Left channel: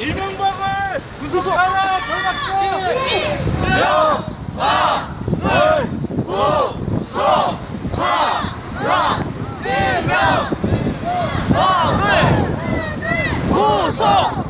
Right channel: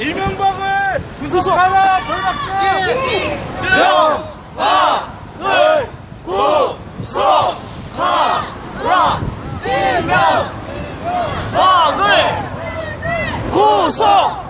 一军步兵，步速快，全连齐。一、二、三、四、五、六、七、八、九、十、八、八、一、二、八、六、五、四、五、四。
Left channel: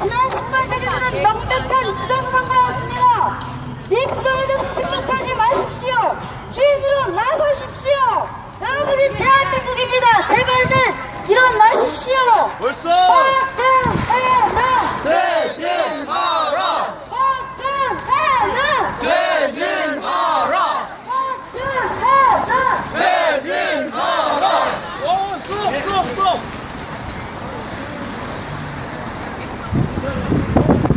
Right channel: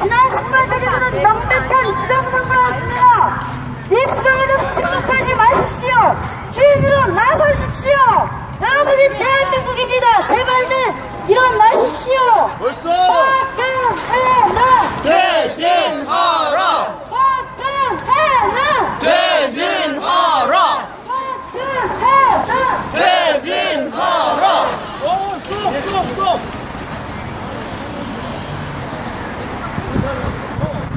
지난 십만 간까지는 명백한 입장선거였습니다. 입장에서 침묵하지 마십시오. 주인으로 나서십시오. 여러분이 대한민국입니다. 제발들 일어나십시오. 벌써.